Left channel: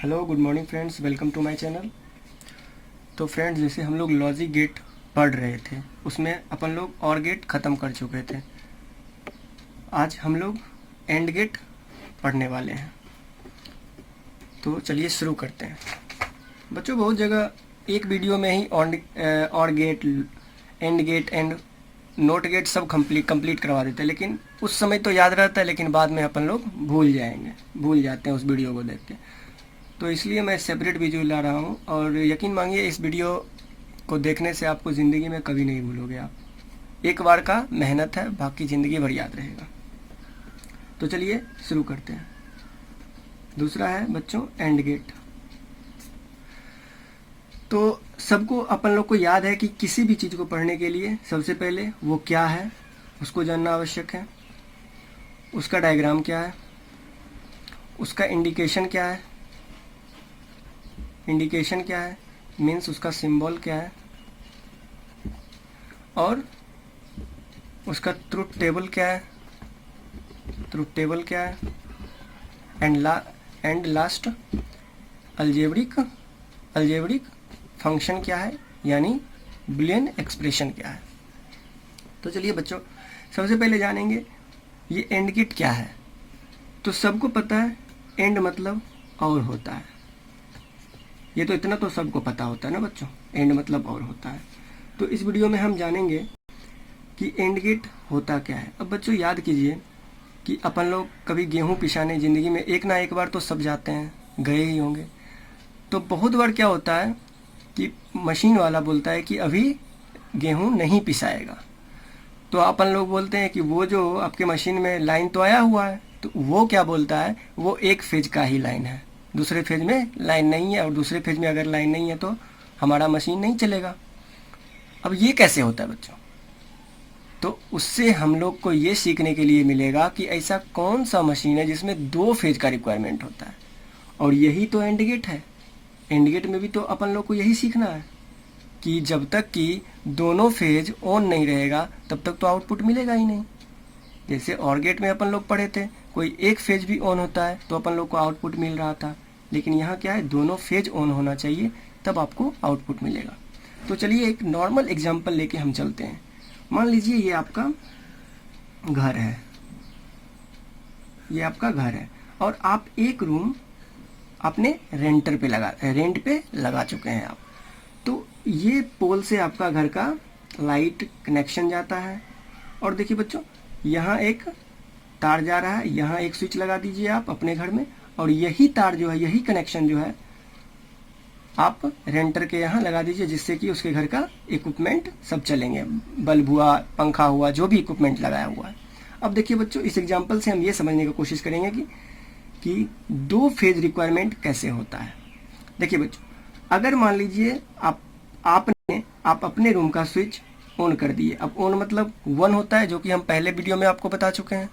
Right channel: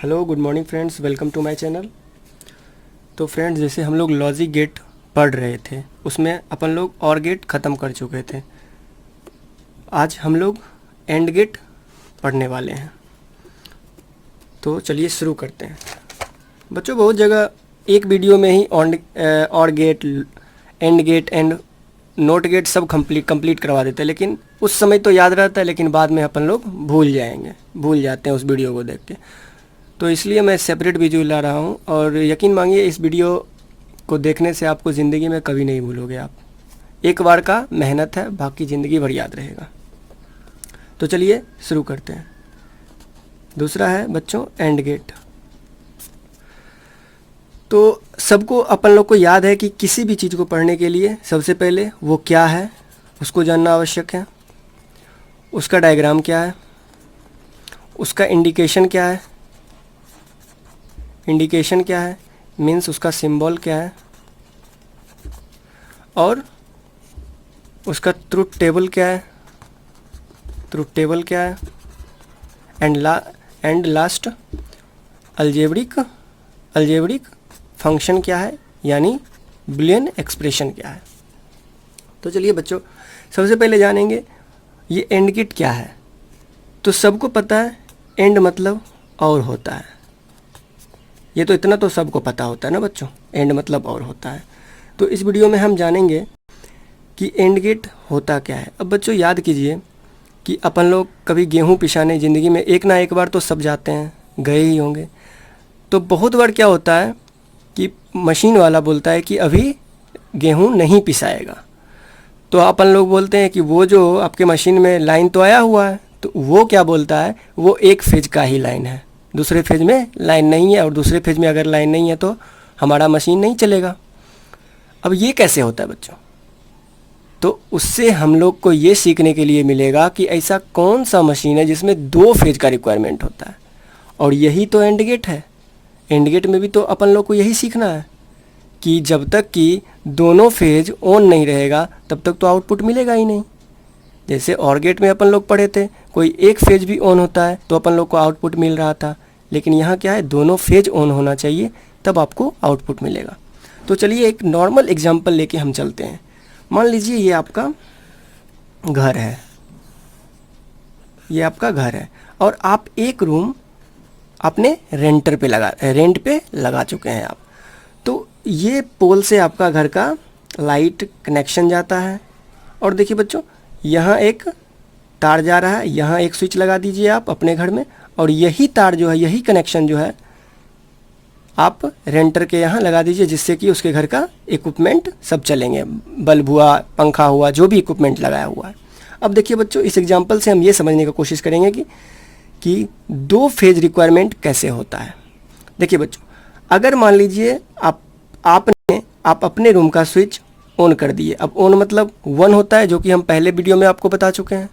Hello good morning friends, welcome to my channel. तो friends, जैसे हम लोग लॉजिक गेट पढ़ रहे थे उसमें अपन लोग और गेट ख़त्म कर चुके थे। आज हम लोग एंड गेट पढ़ने वाले हैं। तो चलिए शुरू करते हैं। बच्चों, बहुत जगह एक वीडियो में ही और gate, and gate and not gate सब कंप्लीट करवा देते हैं, लेकिन उस समय तो याद रहता है, लेकिन बाद में अपन लोग भूल जाते हैं उस वीडियो को देख के। तो इसलिए मैं सेपरेट वीडियो ला रहा हूँ, और यकीन मांगिए इस वीडियो को देखने से आपको ज़िंदगी में कभी नहीं भूलोगे। आप एक बार का मेहनत है, बाकी ज़िंदगी भर याद रहेगा। तो चलिए शुरू करते हैं। दूसरा है बच्चों एंड गेट। तो सबको अपन लोग को याद है कि किसी भी चीज़ को पढ़ने के लिए सबसे पहले वो क्या है उसको जानना आवश्यक है, उसका डायग्राम क्या है, उसका इंडिकेशन क्या है, मीन्स उसका सिंबल क्या है, और उसका ट्रुथ टेबल क्या है, एंड लास्ट अलजेब्रिक फंक्शन क्या है, यानी बुलियन एक्सप्रेशन क्या है। तो चलिए बच्चों, सबसे पहले जानेंगे ये एंड गेट क्या है। तो सबको पता है एंड मतलब और होता है, ये तो इतना तो सबको पता होता है ना बच्चों, एंड मतलब और होता है। तो इस वीडियो में हम जानेंगे कि एंड गेट होता क्या है। अब बच्चों याद कीजिए कि अपन लोग कभी गेहूं पिसाने ज़िंदगी में एक ना एक बार तो सब जाते हैं, गए ही होंगे। तो बहुत बार क्या होता है कि मशीन वाला बोलता है कि अभी गेहूं नहीं पिसाएगा। तो अपन लोग बोलते हैं कि वो जो आपके मशीन में लाइन तो आया हुआ है, तो वो क्या बोलता है, वो एक फेज का ही लाइन है, दूसरे फेज में लाइन नहीं है, और दूसरे फेज में अगर लाइन नहीं है तो हमारा मशीन नहीं चलेगा। अब ये कैसे होता है बच्चों? तो उससे हम लोग को ये सीखने के लिए मिलेगा कि ऐसा कौन सा मशीन है जिसमें दो फेज का रिक्वायरमेंट होता है, और यही तो एंड गेट है। एंड गेट में भी तो अपन लोग को यही सीखना है कि जब तक कि दोनों फेज ऑन नहीं रहेगा तब तक तो आउटपुट मिलेगा ही नहीं। जैसे और गेट में अपन लोग पढ़े थे, कोई एक फेज भी ऑन होता है तो अपन लोग को आउटपुट मिल रहा था, लेकिन यहाँ क्या है, दोनों फेज ऑन होना चाहिए तब आपको आउटपुट मिलेगा। तो चलिए एक नॉर्मल एग्जांपल लेके हम चलते हैं। मान लीजिए ये आपका घर है, और आप एक रूम अपने रेंट पे लगा चुके हैं आप। तो ये पोल से आपका घर का लाइट कनेक्शन जाता है, और देखिए बच्चों यहाँ एक तार जा रहा है, यहाँ एक स्विच लगा दीजिए आप अपने घर में, और यही तार जो है, यही कनेक्शन जो है आप रेंटर के यहाँ लगा दीजिए, जिससे कि उसके घर का इक्विपमेंट सब चलेंगे, बल्ब हुआ, पंखा हुआ, जो भी इक्विपमेंट लगाया हुआ है। अब देखिए बच्चों, इस एग्जांपल से हम ये समझने की कोशिश करेंगे कि दो फेज रिक्वायरमेंट कैसे होता है। देखिए बच्चों, अगर मान लीजिए आप अपने रूम का स्विच ऑन कर दिए। अब ऑन मतलब 1 होता है, जो कि हम पहले वीडियो में आपको बता चुके हैं,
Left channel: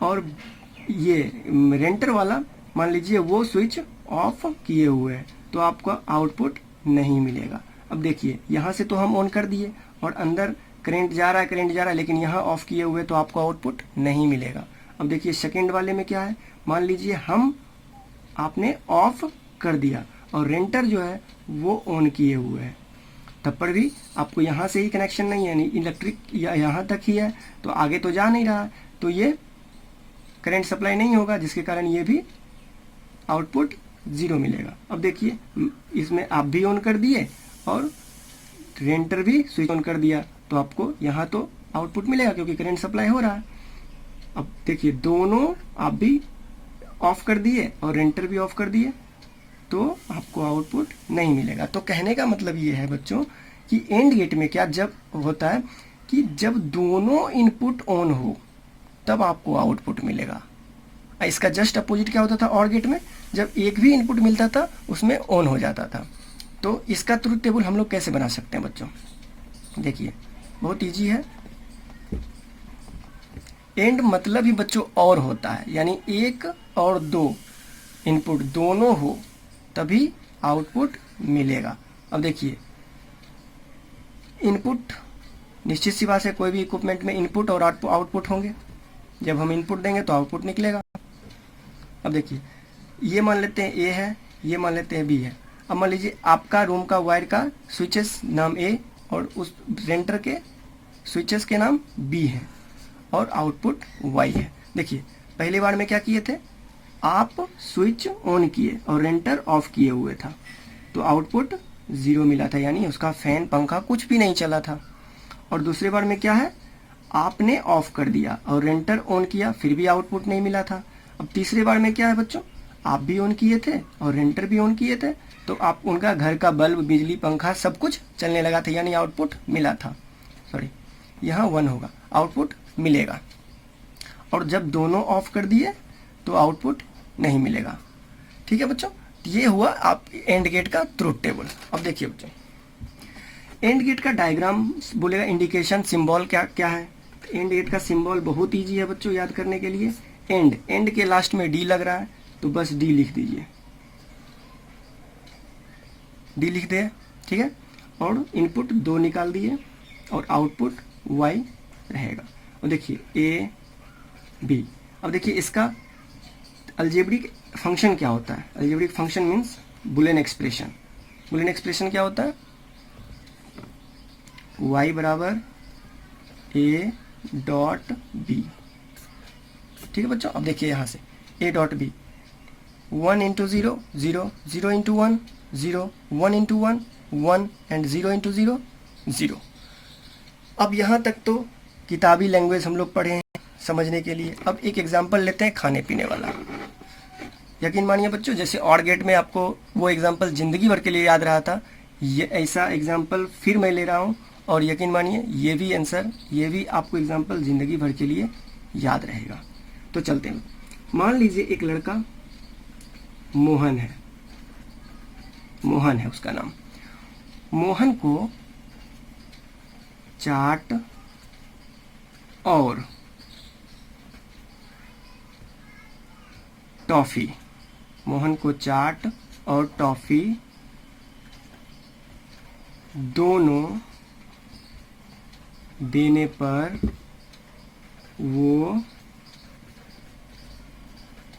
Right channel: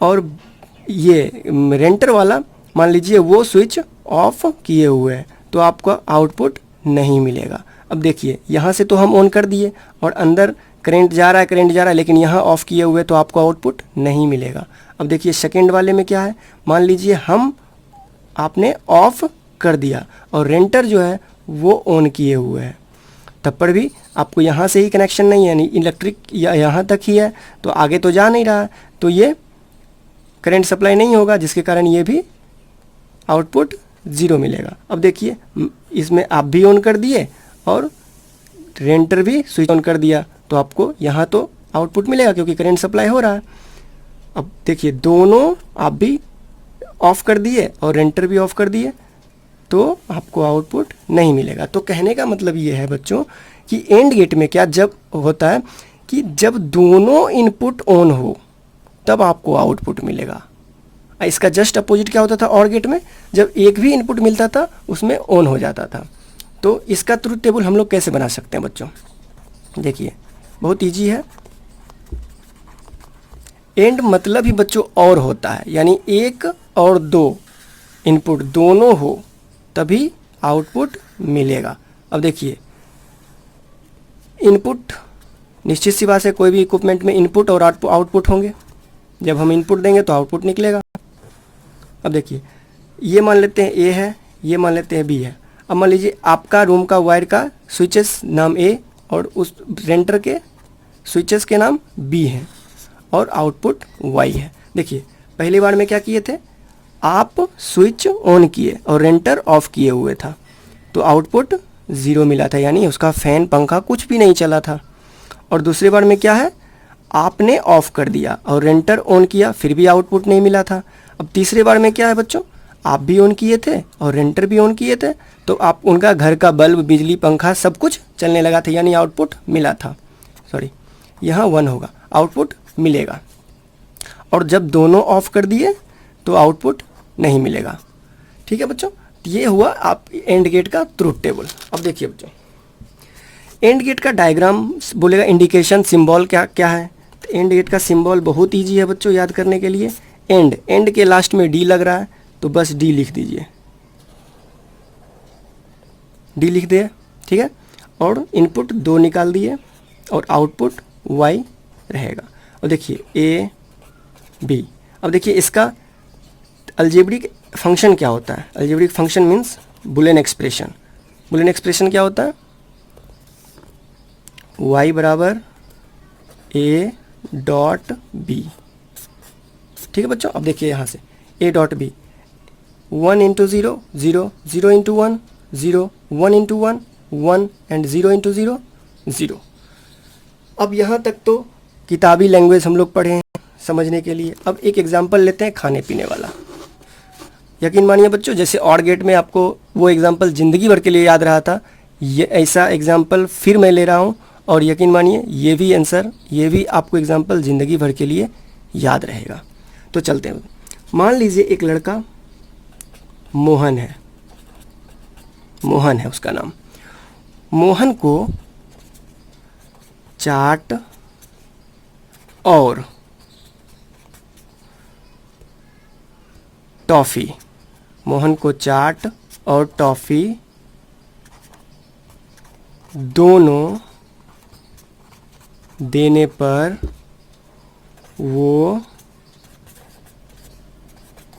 और ये रेंटर वाला मान लीजिए वो स्विच ऑफ किए हुए हैं, तो आपका आउटपुट नहीं मिलेगा। अब देखिए यहाँ से तो हम ऑन कर दिए और अंदर करंट जा रहा है, लेकिन यहाँ ऑफ किए हुए तो आपको आउटपुट नहीं मिलेगा। अब देखिए सेकंड वाले में क्या है, मान लीजिए आपने ऑफ कर दिया और रेंटर जो है वो ऑन किए हुए हैं, तब पर भी आपको यहाँ से ही कनेक्शन नहीं है, यानी इलेक्ट्रिक यहाँ तक ही है, तो आगे तो जा नहीं रहा, तो ये करंट सप्लाई नहीं होगा, जिसके कारण ये भी आउटपुट 0 मिलेगा। अब देखिए इसमें आप भी ऑन कर दिए और रेंटर भी स्विच ऑन कर दिया, तो आपको यहाँ तो आउटपुट मिलेगा क्योंकि करंट सप्लाई हो रहा है। अब देखिए दोनों आप भी ऑफ कर दिए और रेंटर भी ऑफ कर दिए, तो आपको आउटपुट नहीं मिलेगा। तो कहने का मतलब ये है बच्चों कि एंड गेट में क्या जब होता है कि जब दोनों इनपुट ऑन हो तब आपको आउटपुट मिलेगा। इसका जस्ट अपोजिट क्या होता था और गेट में, जब एक भी इनपुट मिलता था उसमें ऑन हो जाता था। तो इसका ट्रुथ टेबल हम लोग कैसे बना सकते हैं बच्चों? देखिए बहुत इजी है। एंड मतलब ही बच्चों और होता है, यानी एक और दो इनपुट दोनों हो तभी आउटपुट मिलेगा। अब देखिए इनपुट, निश्चित सी बात है कोई भी इक्विपमेंट में इनपुट और आउटपुट होंगे, जब हम इनपुट देंगे तो आउटपुट निकलेगा। अब देखिए, ये मान लेते हैं ए है, ये मान लेते हैं बी है। अब मान लीजिए आपका रूम का वायर का स्विचेस नाम ए और उस रेंटर के स्विचेस के नाम बी हैं और आउटपुट वाई है। देखिए पहली बार में क्या किए थे, आप स्विच ऑन किए और रेंटर ऑफ किए हुए था, तो आउटपुट 0 मिला था, यानी उसका फैन पंखा कुछ भी नहीं चला था। और दूसरी बार में क्या है, आपने ऑफ कर दिया और रेंटर ऑन किया, फिर भी आउटपुट नहीं मिला था। अब तीसरी बार में क्या है बच्चों, आप भी ऑन किए थे और रेंटर भी ऑन किए थे, तो आप उनका घर का बल्ब, बिजली, पंखा सब कुछ चलने लगा था, यानी आउटपुट मिला था। सॉरी, यहाँ 1 होगा, आउटपुट मिलेगा। और जब दोनों ऑफ कर दिए तो आउटपुट नहीं मिलेगा। ठीक है बच्चों, ये हुआ आप एंड गेट का ट्रूथ टेबल। अब देखिए बच्चों, एंड गेट का डायग्राम बोलेगा इंडिकेशन सिंबल क्या क्या है। तो एंड गेट का सिंबल बहुत ईजी है बच्चों याद करने के लिए। एंड के लास्ट में डी लग रहा है तो बस डी लिख दीजिए, डी लिख दिए, ठीक है। और इनपुट 2 निकाल दिए और आउटपुट वाई रहेगा। और देखिए ए बी। अब देखिए इसका अलजेब्रिक फंक्शन क्या होता है। Algebraic function means Boolean expression. Boolean expression क्या होता है, y बराबर a डॉट बी। ठीक है बच्चों, अब देखिए यहाँ से a dot B, 1 into 0 0, 0 into 1 0, 1 into 1 1 and 0 into 0 0। अब यहाँ तक तो किताबी लैंग्वेज हम लोग पढ़े हैं समझने के लिए। अब एक एग्जाम्पल लेते हैं खाने पीने वाला। यकीन मानिए बच्चों, जैसे और गेट में आपको वो एग्जाम्पल ज़िंदगी भर के लिए याद रहा था, ये ऐसा एग्जाम्पल फिर मैं ले रहा हूँ। और यकीन मानिए ये भी आंसर, ये भी आपको एग्जाम्पल ज़िंदगी भर के लिए याद रहेगा। तो चलते हैं। मान लीजिए एक लड़का मोहन है, मोहन है उसका नाम। मोहन को चाट और टॉफ़ी, मोहन को चाट और टॉफ़ी दोनों देने पर वो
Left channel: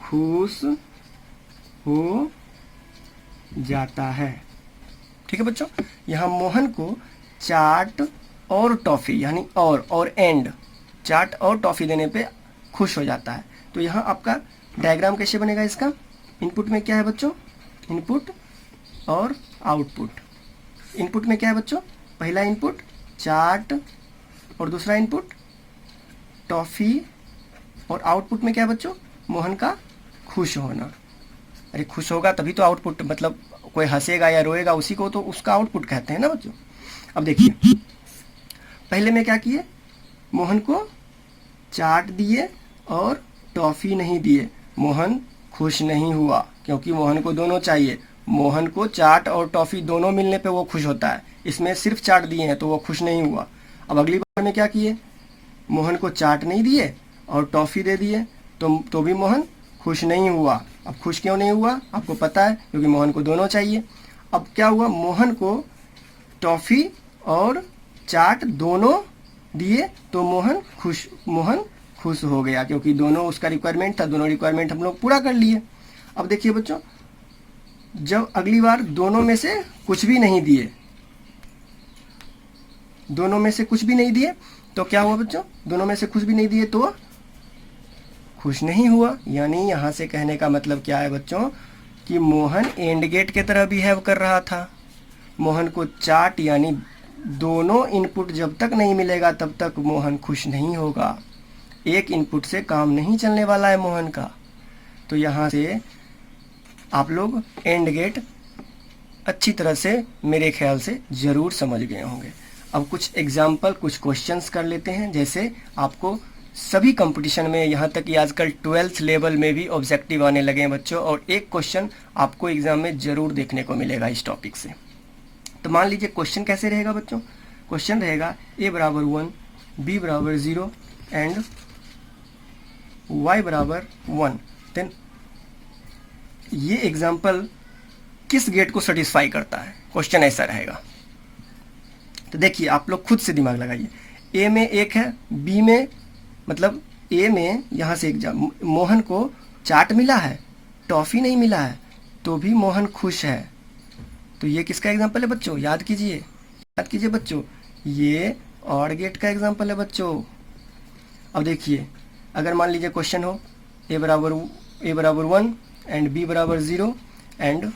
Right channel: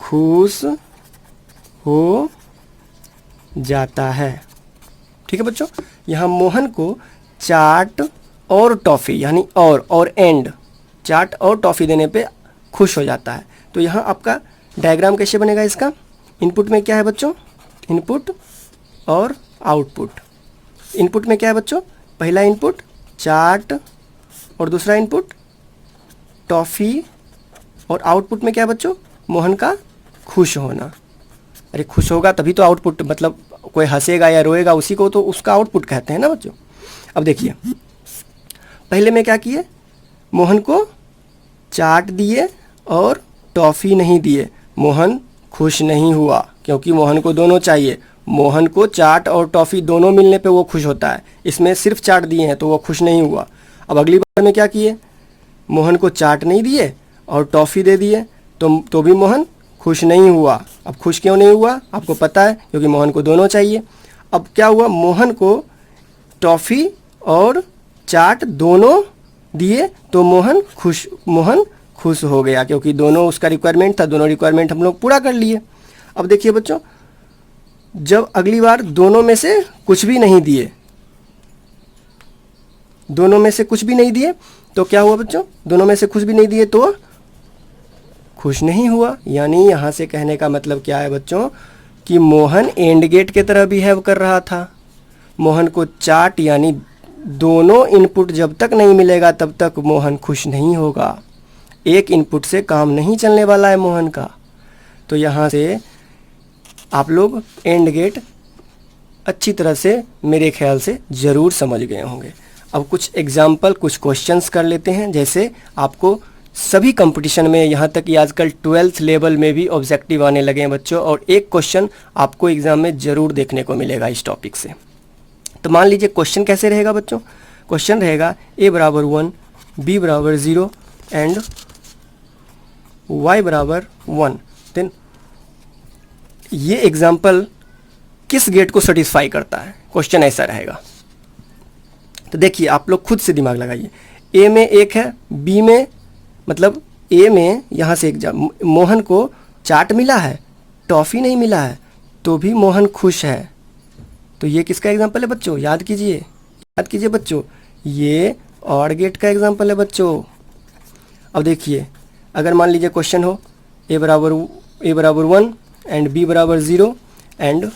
खुश हो जाता है। ठीक है बच्चों, यहाँ मोहन को चाट और टॉफ़ी यानी और एंड, चाट और टॉफ़ी देने पे खुश हो जाता है। तो यहाँ आपका डायग्राम कैसे बनेगा इसका, इनपुट में क्या है बच्चों, इनपुट और आउटपुट। इनपुट में क्या है बच्चों, पहला इनपुट चाट और दूसरा इनपुट टॉफ़ी, और आउटपुट में क्या है बच्चों, मोहन का खुश होना। अरे खुश होगा तभी तो आउटपुट, मतलब कोई हंसेगा या रोएगा उसी को तो उसका आउटपुट कहते हैं ना बच्चों। अब देखिए पहले में क्या किए, मोहन को चाट दिए और टॉफ़ी नहीं दिए, मोहन खुश नहीं हुआ क्योंकि मोहन को दोनों चाहिए। मोहन को चाट और टॉफ़ी दोनों मिलने पे वो खुश होता है, इसमें सिर्फ चाट दिए हैं तो वो खुश नहीं हुआ। अब अगली बार में क्या किए, मोहन को चाट नहीं दिए और टॉफ़ी दे दिए तो भी मोहन खुश नहीं हुआ। अब खुश क्यों नहीं हुआ आपको पता है, क्योंकि मोहन को दोनों चाहिए। अब क्या हुआ, मोहन को टॉफ़ी और चाट दोनों दिए तो मोहन खुश हो गया क्योंकि दोनों उसका रिक्वायरमेंट था, दोनों रिक्वायरमेंट हम लोग पूरा कर लिए। अब देखिए बच्चों, जब अगली बार दोनों में से कुछ भी नहीं दिए, दोनों में से कुछ भी नहीं दिए तो क्या हुआ बच्चों, दोनों में से कुछ भी नहीं दिए तो खुश नहीं हुआ। यानी यहाँ से कहने का मतलब क्या है बच्चों, कि मोहन एंड गेट की तरह बिहेव कर रहा था। मोहन को चाट यानी दोनों इनपुट जब तक नहीं मिलेगा तब तक मोहन खुश नहीं होगा। एक इनपुट से काम नहीं चलने वाला है मोहन का। तो यहाँ से आप लोग एंड गेट अच्छी तरह से मेरे ख्याल से ज़रूर समझ गए होंगे। अब कुछ एग्जाम्पल, कुछ क्वेश्चंस कर लेते हैं। जैसे आपको सभी कंपटीशन में, यहाँ तक कि आजकल 12th लेवल में भी ऑब्जेक्टिव आने लगे हैं बच्चों, और एक क्वेश्चन आपको एग्ज़ाम में ज़रूर देखने को मिलेगा इस टॉपिक से। तो मान लीजिए क्वेश्चन कैसे रहेगा बच्चों, क्वेश्चन रहेगा a बराबर 1, b बराबर 0 एंड y बराबर 1। देन ये एग्जाम्पल किस गेट को सेटिस्फाई करता है, क्वेश्चन ऐसा रहेगा। तो देखिए आप लोग खुद से दिमाग लगाइए, ए में 1 है, बी में मतलब ए में यहाँ से मोहन को चाट मिला है, टॉफ़ी नहीं मिला है, तो भी मोहन खुश है। तो ये किसका एग्जाम्पल है बच्चों? याद कीजिए बच्चों, ये और गेट का एग्जाम्पल है बच्चों। अब देखिए, अगर मान लीजिए क्वेश्चन हो ए बराबर 1 एंड बी बराबर 0 एंड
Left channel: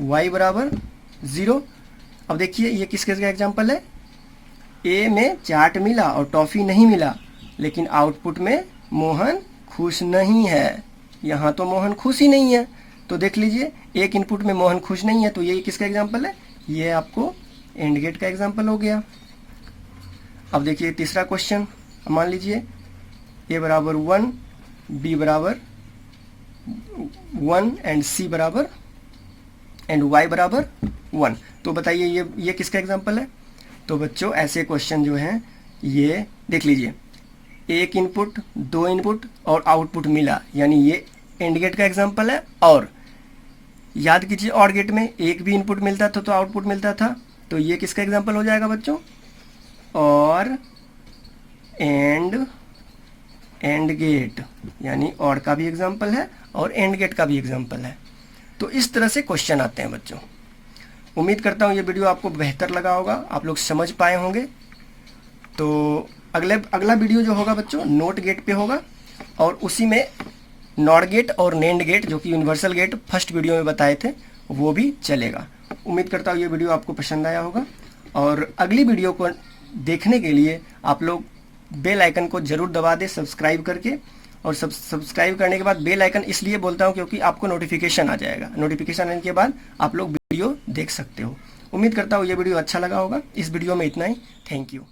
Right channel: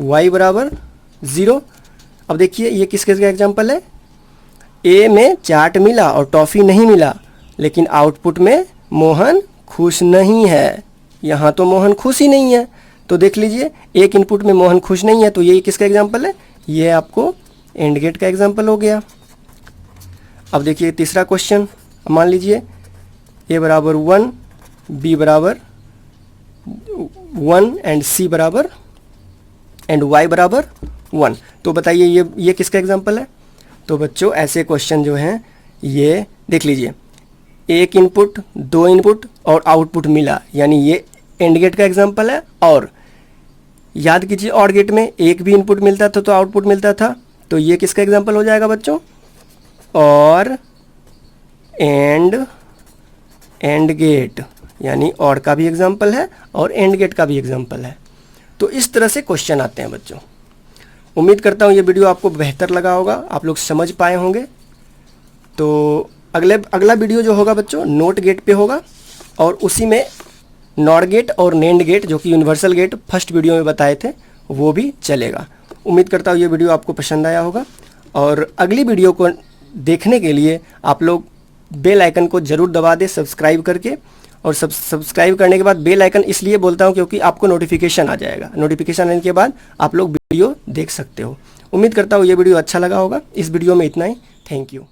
वाई बराबर 0। अब देखिए ये किसके एग्जाम्पल है? ए में चाट मिला और टॉफ़ी नहीं मिला, लेकिन आउटपुट में मोहन खुश नहीं है। यहाँ तो मोहन खुश ही नहीं है, तो देख लीजिए एक इनपुट में मोहन खुश नहीं है, तो ये किसका एग्जाम्पल है? ये आपको एंड गेट का एग्जाम्पल हो गया। अब देखिए तीसरा क्वेश्चन, मान लीजिए ए बराबर 1, बी बराबर 1 एंड सी बराबर एंड वाई बराबर 1। तो बताइए ये किसका एग्जाम्पल है? तो बच्चों ऐसे क्वेश्चन जो हैं ये देख लीजिए, एक इनपुट, दो इनपुट और आउटपुट मिला, यानी ये एंड गेट का एग्जाम्पल है। और याद कीजिए और गेट में एक भी इनपुट मिलता था तो आउटपुट मिलता था, तो ये किसका एग्जाम्पल हो जाएगा बच्चों? और एंड गेट, यानी और का भी एग्जाम्पल है और एंड गेट का भी एग्जाम्पल है। तो इस तरह से क्वेश्चन आते हैं बच्चों। उम्मीद करता हूँ ये वीडियो आपको बेहतर लगा होगा, आप लोग समझ पाए होंगे। तो अगला वीडियो जो होगा बच्चों नोट गेट पे होगा, और उसी में नॉट गेट और नेंड गेट जो कि यूनिवर्सल गेट फर्स्ट वीडियो में बताए थे वो भी चलेगा। उम्मीद करता हूँ ये वीडियो आपको पसंद आया होगा, और अगली वीडियो को देखने के लिए आप लोग बेल आइकन को ज़रूर दबा दें सब्सक्राइब करके। और सब्सक्राइब करने के बाद बेल आइकन इसलिए बोलता हूँ क्योंकि आपको नोटिफिकेशन आ जाएगा, नोटिफिकेशन आने के बाद आप लोग वीडियो देख सकते हो। उम्मीद करता हूँ ये वीडियो अच्छा लगा होगा। इस वीडियो में इतना ही। Thank you.